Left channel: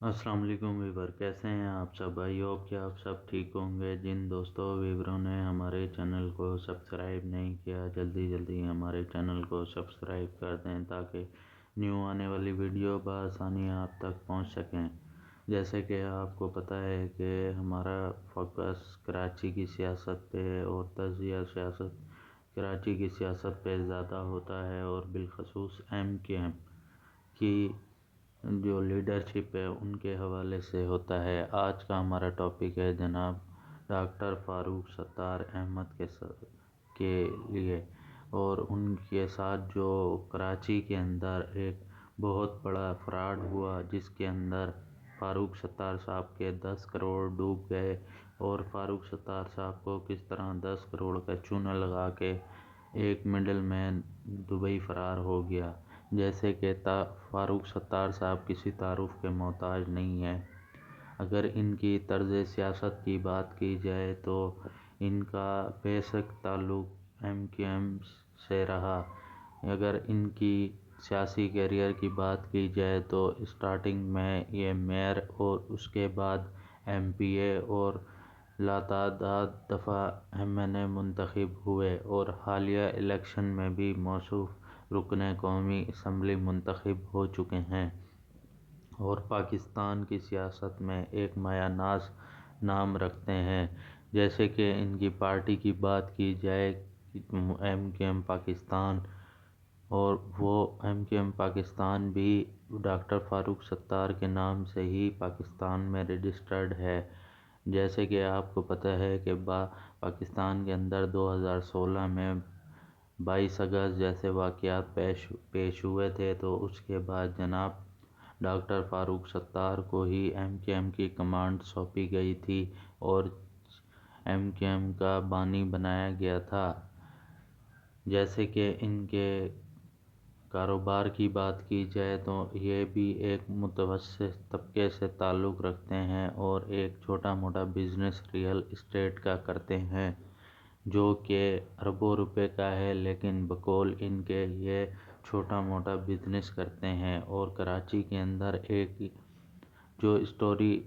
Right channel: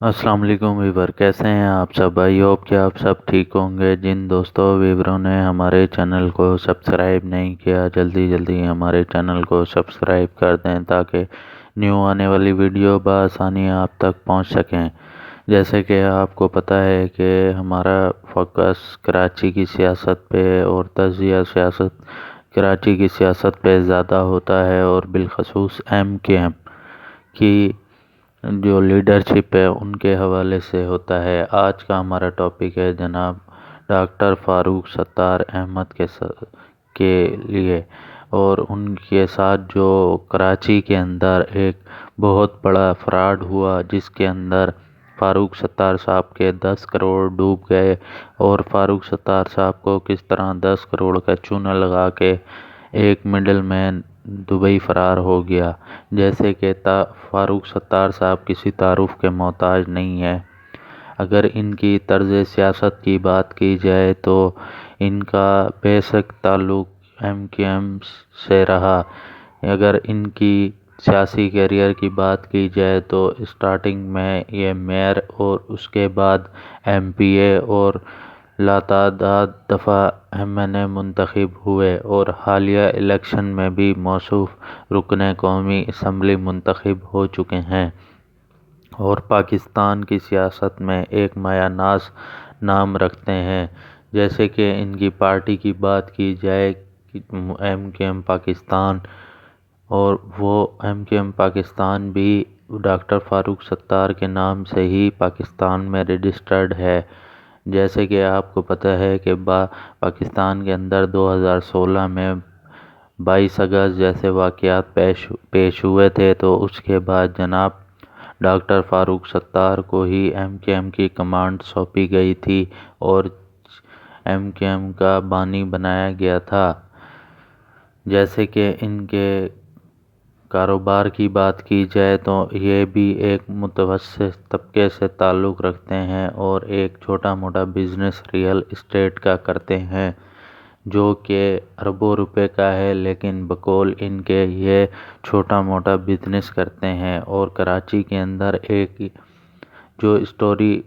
السلام علیکم ویور، کیسے ہیں آپ سب؟ آئی ہوپ کہ آپ سب ٹھیک ہوں گے۔ جن دوستوں ویوروں نے ہمارے چینل کو سبسکرائب نہیں کیا، جلدی جلدی ہمارے چینل کو سبسکرائب کر دیں تاکہ نیو آنے والی ویڈیو بآسانی آپ تک پہنچ سکیں۔ جیسے کہ آپ کو پتہ ہے کہ ہمارا فوکس کراچی کی سیاست پہ اور تجزیہ سیاست کراچی کی سیاست پہ زیادہ ہوتا ہے، اور بالخصوص MKM کی جو لیڈرشپ ہے ان کے حوالے سے ہوتا ہے۔ آج کا ہمارا ٹاپک ہے جناب ڈاکٹر فاروق ستار احمد کے لیے، اور ان کے ساتھ جو کراچی کے اندر ایک بہت بڑا فراڈ ہوا، جس کے اندر فاروق ستار صاحب کے 10 کروڑ ڈوب گئے، اور فاروق ستار صاحب کو کس طرح 10 کروڑ کا چونا لگا کے ایک مڈل مین دبئی فرار ہو گیا۔ جیسے کہ فاروق ستار صاحب کسی تعارف کے محتاج نہیں ہے۔ اگر ان کی طرز سیاست کی بات کی جائے تو ان کا بیسک تعلق MKM سے رہا۔ اگر ان کی سیاسی کیریئر کی بات کی جائے تو اسٹارٹنگ میں یہ میئر اور اس کے بعد MPA اور لاتعداد دفعہ MNA منتخب ہوئے، اور حالیہ الیکشن میں بھی موصوف رکن قومی اسمبلی منتخب ہو چکے ہیں، اور پاکستان کی سیاست میں ایک مایہ ناز نام رکھتے ہیں۔ جیسے کہ ان کی پارٹی کی بات کی جائے MKM پاکستان، اور وہ MKM پاکستان بھی ڈاکٹر فاروق ستار کے نام سے ہی پاکستان میں رجسٹرڈ ہے۔ جیسے کہ آپ کو پتہ ہے کہ پاکستان کے اندر 2016 میں 22 اگست جیسے واقعات پیش ہوئے تھے، تو اس کے بعد جناب ڈاکٹر فاروق ستار کو ہی MKM کی کمانڈ سونپی گئی تھی اور MKM کا بانی بنایا گیا تھا۔ جیسے کہ ان کے کاروبار کی بات کی جائے تو یہ بھی ایک متوسط طبقے سے تعلق رکھتے ہیں، اور ایک چھوٹا موٹا بزنس ریئل اسٹیٹ کا کرتے ہیں، جو کہ اربوں روپے کا ہے، لیکن بقول ان کے یہ چھوٹا موٹا بزنس کرتے ہیں۔ اور کراچی کے اندر ایک جو اسٹوری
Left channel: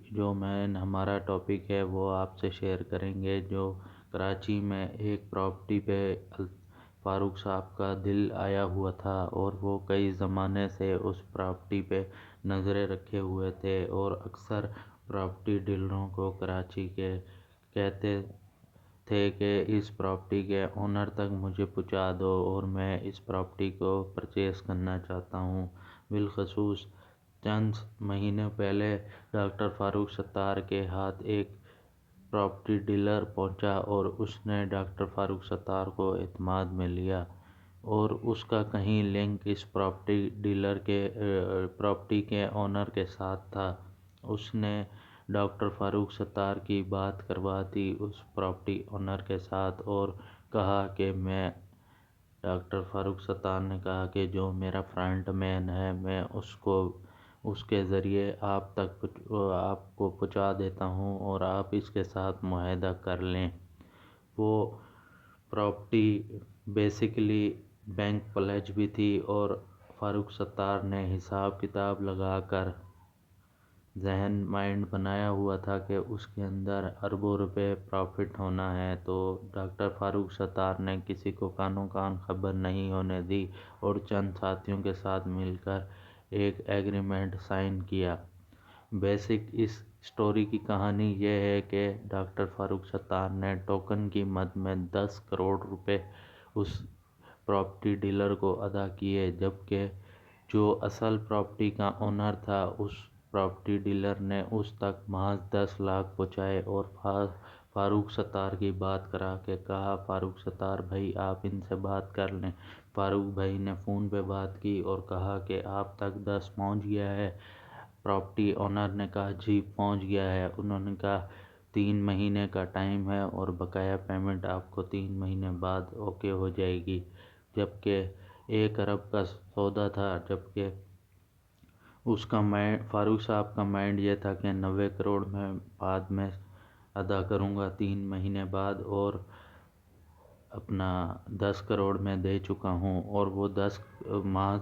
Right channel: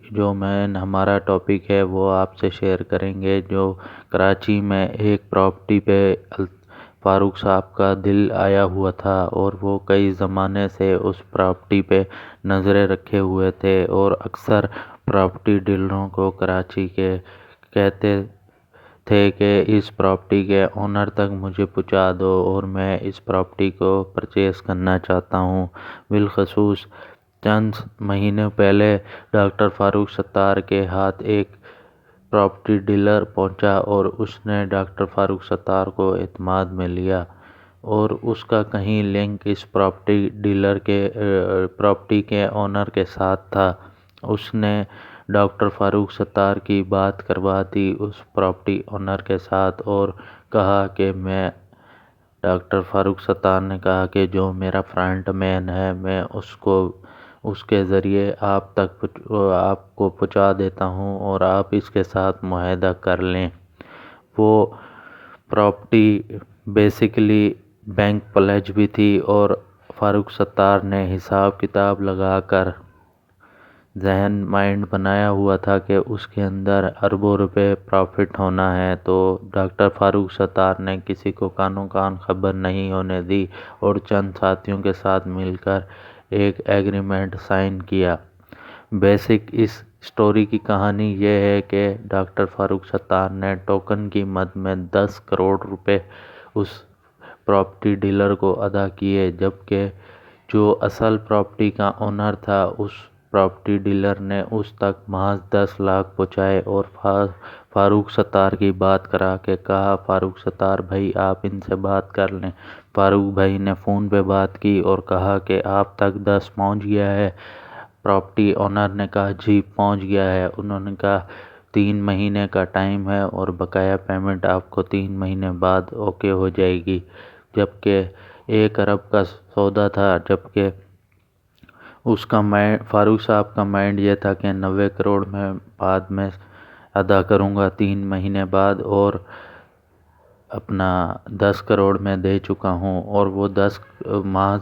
ہمارا ٹاپک ہے وہ آپ سے شیئر کریں گے، جو کراچی میں ایک پراپرٹی پہ فاروق صاحب کا دل آیا ہوا تھا، اور وہ کئی زمانے سے اس پراپرٹی پہ نظریں رکھے ہوئے تھے، اور اکثر پراپرٹی ڈیلروں کو کراچی کے کہتے تھے کہ اس پراپرٹی کے اونر تک مجھے پہنچا دو اور میں اس پراپرٹی کو پرچیز کرنا چاہتا ہوں۔ بالخصوص چند مہینے پہلے ڈاکٹر فاروق ستار کے ہاتھ ایک پراپرٹی ڈیلر پہنچا، اور اس نے ڈاکٹر فاروق ستار کو اعتماد میں لیا، اور اس کا کہیں لنک اس پراپرٹی ڈیلر کے پراپرٹی کے اونر کے ساتھ تھا۔ اس نے ڈاکٹر فاروق ستار کی بات کروا دی اس پراپرٹی اونر کے ساتھ، اور کہا کہ ڈاکٹر فاروق ستار نے کہا کہ جو میرا فرنٹ مین ہے میں اس کے ذریعے آپ کو پہنچا دیتا ہوں، اور آپ اس کے ساتھ معاہدہ کر لیں۔ وہ پراپرٹی بیسیکلی بینک پلیج بھی تھی، اور فاروق ستار نے حساب کتاب لگا کر ذہن مائنڈ بنایا ہوا تھا کہ اس کے اندر اربوں روپے پروفٹ ہونا ہے، تو ڈاکٹر فاروق ستار نے کسی کو کانوں کان خبر نہیں ہونے دی، اور چند ساتھیوں کے ساتھ مل کر ایک ایگریمنٹ سائن کیا۔ بیسک اس اسٹوری کی کہانی یہ ہے کہ ڈاکٹر فاروق ستار نے ٹوکن کی مد میں 10 کروڑ روپے اس پراپرٹی ڈیلر کو ادا کیے، جبکہ جو اصل پراپرٹی کا اونر تھا اس پراپرٹی ڈیلر نے اس تک محض 10 لاکھ پہنچائے، اور فاروق ستار کی بات کرا کے کہا فاروق ستار بھائی آپ ان سے بات کر لیں۔ فاروق بھائی نے فون پہ بات کی اور کہا کہ آپ تک 10 پہنچ گیا ہے۔ پراپرٹی اونر نے کہا جی پہنچ گیا ہے۔ انہوں نے کہا 3 مہینے کا ٹائم ہے، اور بقایا پیمنٹ آپ کو 3 مہینے بعد اوکے ہو جائے گی، جبکہ 1 ارب کا سودا تھا، جبکہ فاروق صاحب کا مائنڈ یہ تھا کہ 90 کروڑ میں بعد میں ادا کروں گا 3 مہینے بعد، اور اپنا 10 کروڑ میں دے چکا ہوں، اور وہ 10 محض